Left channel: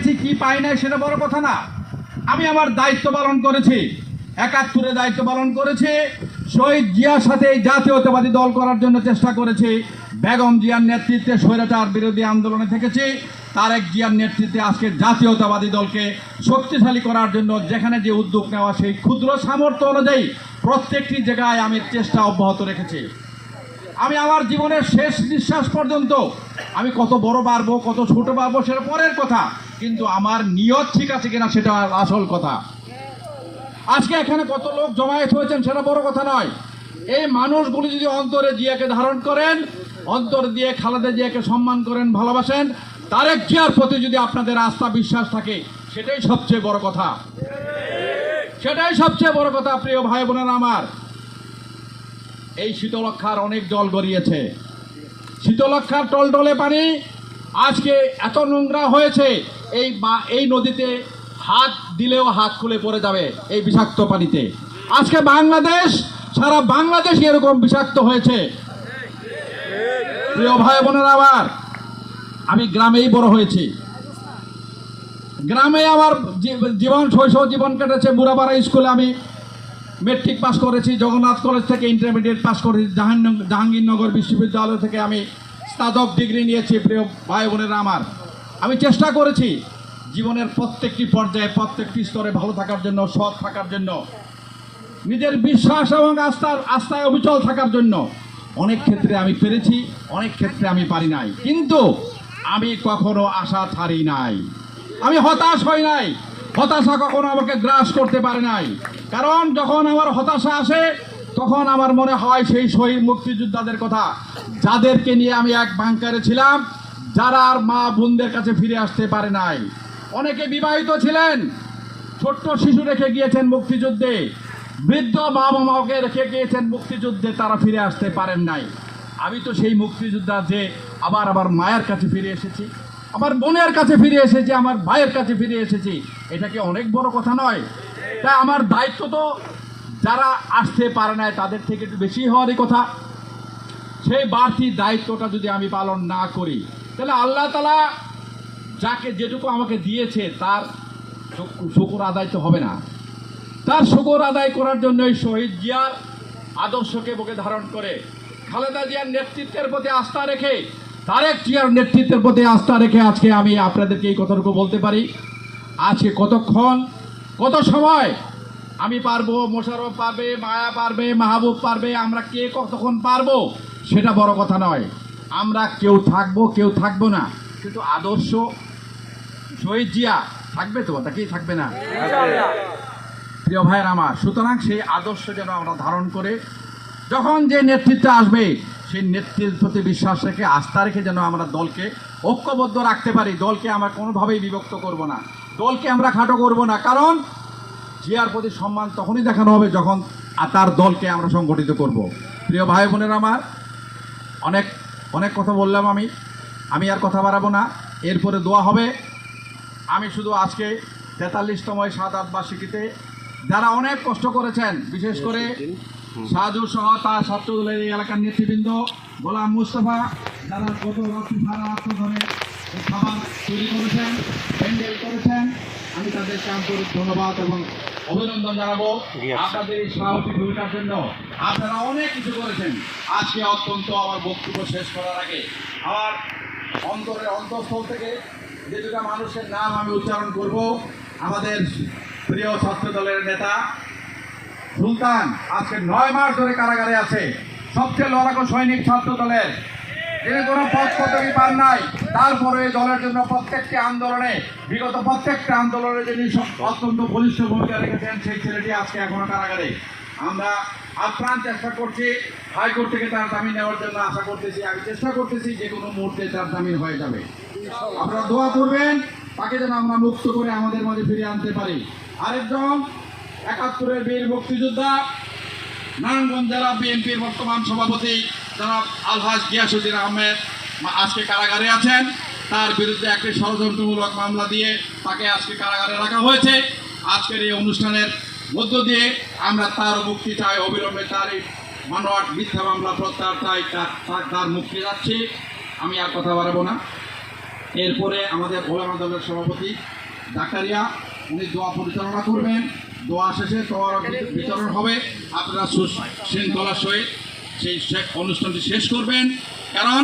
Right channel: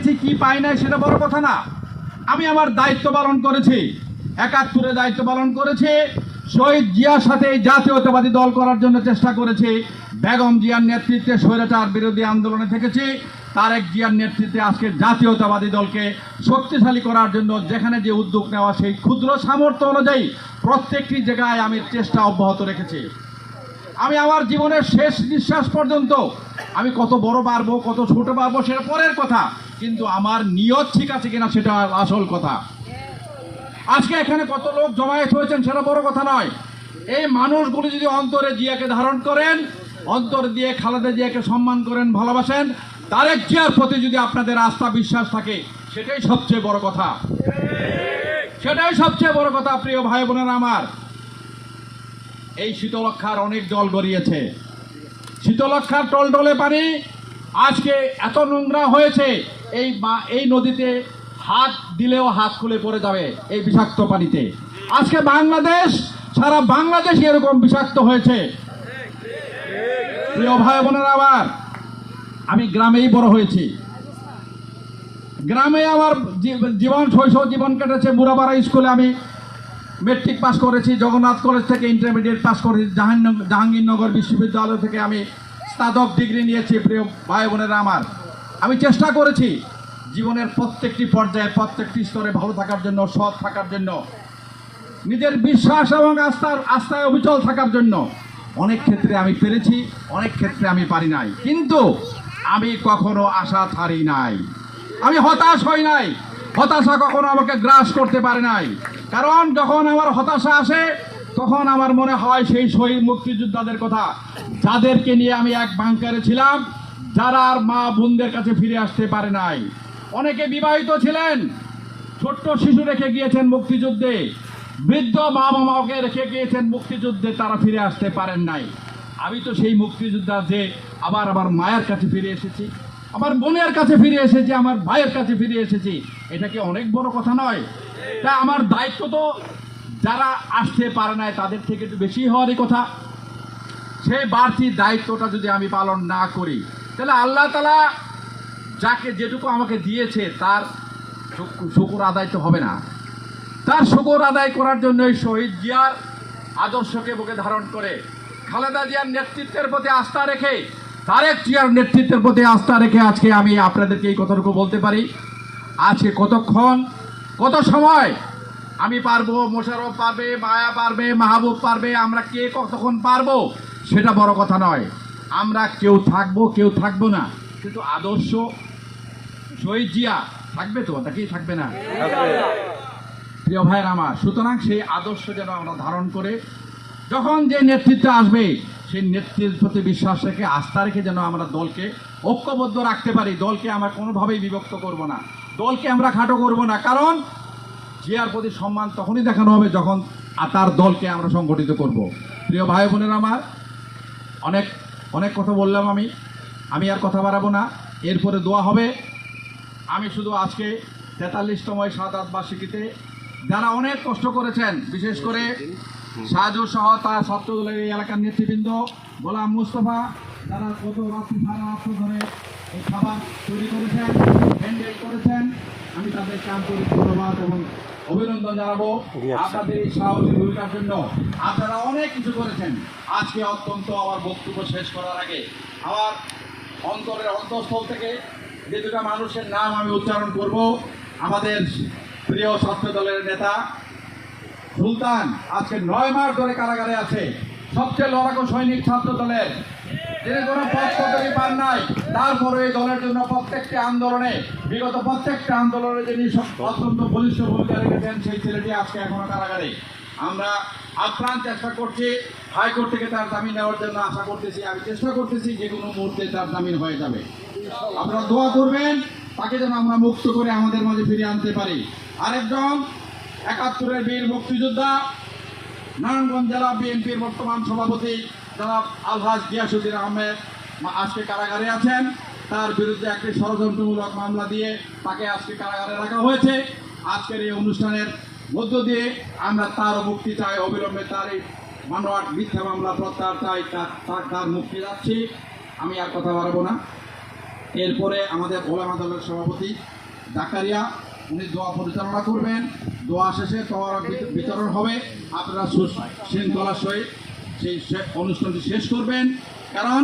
পেয়েছি কি পাই নাই সেটা বড় কথা না। আমি আমার দায়িত্ব পালন করেছি, ৭১-এ দায়িত্ব পালন করেছি। শহীদ জিয়ার সাথে এই জাতীয়তাবাদী দল করার জন্য চেষ্টা করেছি। বেগম জিয়ার নেতৃত্বে স্বৈরাচার বিরোধী আন্দোলনে থেকেছি। তারেক জিয়ার নেতৃত্বে আজকে জাতীয়তাবাদী দলকে শক্তিশালী করার জন্য যেখানে যে উদ্যোগ নেওয়া সেই ক্ষুদ্র সামর্থ্য অনুযায়ী প্রত্যেকটি জায়গায় আমি চেষ্টা অব্যাহত রেখেছি। আমি আমার জীবনের শেষ নিঃশ্বাস পর্যন্ত আমি কত বড় পারবো কত ছোট পারবো সেটা পরের কথা, কিন্তু আমার নিয়ত ঠিক আছে কিনা সেটা আসল কথা। আজকে এখানে কত লোক জমায়েত হয়েছেন সেটা বড় কথা নয়। এই মানুষগুলি যদি অন্তরে জিয়াকে ধারণ করেন, অন্তর দিয়ে খালেদা জিয়াকে সম্মান করেন, ভালোবাসেন, তারেক জিয়ার প্রতি যদি আপনাদের আস্থা বিশ্বাস থাকে, সেটাই সবচেয়ে বড় কথা। সেটাই সবচেয়ে বড় কথা। প্রিয় ভাই বোনেরা আমার, এই শীতলক্ষার অনেক জল গড়িয়েছে। শীতলক্ষার টলটলে পানি আজকে এত নোংরা হয়েছে, এই নদীতে হাত দিলেও হাত খুলে পড়ে যাবে এই বিষাক্ত পানিতে। আজকে বাংলাদেশ, সারা বাংলাদেশ এরকম বিষাক্ত হয়েছে। প্রিয় ভাই বোনেরা আমার, আমি গ্রামেই বড় হয়েছি। গ্রামে আমার জীবন, শৈশব জীবন কেটেছে। বুড়াপাড়া স্কুলে আমি মেট্রিক পাস করেছি, জগন্নাথ কলেজ থেকে ইন্টারমিডিয়েট পাস করেছি, জাহাঙ্গীরনগর বিশ্ববিদ্যালয় থেকে আমি স্নাতক ডিগ্রি নিয়েছি। প্রিয় ভাই বোনেরা আমার, আমি চেষ্টা করেছি জীবনের প্রত্যেকটি পর্যায়ে প্রত্যেকটি স্তরে ভালো থাকার জন্য, সৎ থাকার জন্য, নিজের বিশ্বাস এবং আস্থায় অবিচল থাকার জন্য। অনেক ক্ষেত্রে আমি পেরেছি, অনেক ক্ষেত্রে আমি পারি নাই, কিন্তু আমি কখনো আশা ছাড়ি নাই। আমি হতাশ হই নাই। হতাশা কখনো আমাকে গ্রাস করতে পারে নাই। কারণ যখন আমার হতাশা আসে তখন আমার মনে হয় সেই শহীদ মুক্তিযোদ্ধাদের কথা, যাদেরকে নিয়ে আমি এক বাংকারে ছিলাম, যারা আর মা বোনদের কাছে ফিরে আসতে পারে নাই। অনেকে বিবাহিত ছিলেন, ছোট্ট শিশু রেখে গিয়েছেন মুক্তিযুদ্ধে, বৃদ্ধ মা বাবাকে রেখে গিয়েছেন মুক্তিযুদ্ধে, তারা ফিরে আসতে পারেন নাই। আমি তো সেই মুক্তিযোদ্ধা যে আবার আমার মায়ের কাছে ফিরে এসেছি, আমার বোনের কাছে ফিরে এসেছি, আমার ভাইয়ের কাছে ফিরে এসেছি। এটা কি অনেক বড় কথা নয়? তাই আমার দায়িত্ব তো যারা আসতে পারে নাই তাদের থেকে একটু বেশি হওয়ারই কথা। সেই বাড়তি দায়িত্বটা যদি আমি পালন না করি, তাহলে আল্লাহ তাআলা যাকে যেটুকু আমাকে দিয়েছে তার শুকর আদায় তো হবে না। তার শুকর আদায় করার জন্য শহীদ জিয়ার আদর্শকে বুকে ধারণ করে, খালেদা জিয়ার নেতৃত্বের প্রতি আস্থা রেখে, তারেক জিয়ার নেতৃত্বের প্রতি আস্থা রেখে আজকে আমি আপনাদেরকে এই কথাটুকু বলতে পারি। আজকে কতক্ষণ, কত সময় আমি পারবো, মোশাররফ পারবে, মায়া পারবে, মাহবুব পারবে, আমরা কে কতক্ষণ পারবো সেটা বড় কথা নয়। আমরা কেউ থাকবো, কেউ থাকবো না, কিন্তু আদর্শ শহীদ জিয়া থাকবে তো, তাকেই থাকবে না। প্রিয় ভাইয়ের আমার, সুতরাং সেই আদর্শ যেন আমরা ধারণ করে যখন যে নেতৃত্ব আসবে সেই নেতৃত্বের প্রতি বিশ্বাস রেখে, আস্থা রেখে যেন আমরা দলকে ঐক্যবদ্ধ রাখতে পারি। দলকে আমরা কোনোভাবেই বিভক্ত করব না, দলকে আমরা খাটো করব না। কারণ জিয়ার প্রতি সম্মান তখনই দেখানো হবে যখন তার দলকে আমরা সংগঠিত করব। প্রিয় ভাই বোনেরা আমার, অনেক অনেক কথা বললাম, আমি আর কথা বাড়াবো না। এরপরে দোয়া হবে। আমি শুধু আজকে ৪৩তম শাহাদাত বার্ষিকীতে যারা অনেক কষ্ট করেছেন, বিশেষ করে সাজু সহ তার ছাত্রদলের এই এলাকার নেতৃবৃন্দ, গোলাম মুস্তফা, যারা গত রাত্রি সারা রাত্র ধরে এই খাবার তৈরি করেছেন, প্যান্ডেল করেছেন, আমি তাদেরকে আন্তরিক ধন্যবাদ এবং অভিনন্দন জানাবো আপনাদের এই সাহসী ভূমিকার জন্য। আপনারা অনেক কিছু করেছেন। আজকে অত্যন্ত আমার বক্তব্য শেষ করার আগে আমার অন্তরের অন্তঃস্থল থেকে যে দুটা মানুষের নাম আমি উচ্চারণ করব। আমাদের প্রিয় ছাত্র দলের নেতা সুলতান আজকে 9 মাস ধরে কারাগারে আছে, সবচেয়ে লড়াকু সৈনিক ছাত্র দলের, তিনি কোনো পদ পদবি পান নাই, তারপরে এই দলের জন্য প্রত্যেকটি আন্দোলনে, বিগত প্রত্যেকটা আন্দোলনে যিনি অত্যন্ত বলিষ্ঠ ভূমিকা রেখেছেন, সেই ছেলেটি আজকে এখনো কারাগারে। আমরা আপ্রাণ চেষ্টা করছি হাইকোর্ট থেকে তার জামিন নেওয়ার জন্য, আশা করতেছি, আমি চেষ্টা করতেছি যে কোনো মুহূর্তে তার জামিন হয়ে যাবে। আপনারা দোয়া করবেন তাকে যেন আমরা মুক্ত করে আমাদের মাঝে ফিরিয়ে আনতে পারি। আরেকজন ৭১-এর বীর মুক্তিযোদ্ধা, নারায়ণগঞ্জ জেলা বিএনপির বর্তমান সভাপতি জনাব আলহাজ গিয়াসউদ্দিন আহমেদ আজকে কারাগারে আছেন। তার বিরুদ্ধে একটি ষড়যন্ত্রমূলক মামলা দিয়ে তাকে আজকে কারাগারে রাখা হয়েছে। আজকের এই অনুষ্ঠানের মধ্য দিয়ে আমরা তার মুক্তি চাই, অবিলম্বে তার এই মানওয়াট মিথ্যা মামলা প্রত্যাহার চাই, তার মুক্তি যাচ্ছি। আমি আর কথা বাড়াবো না। এরপরে আমাদের ওলামা দলের সভাপতি জাকারিয়া উনি দোয়া পরিচালনা করবেন। দোয়া শেষে তোয়ার বিতরণ হবে। আপনারা শৃঙ্খলার সহিত সেই অনুষ্ঠানটি শেষ করবেন, কারণ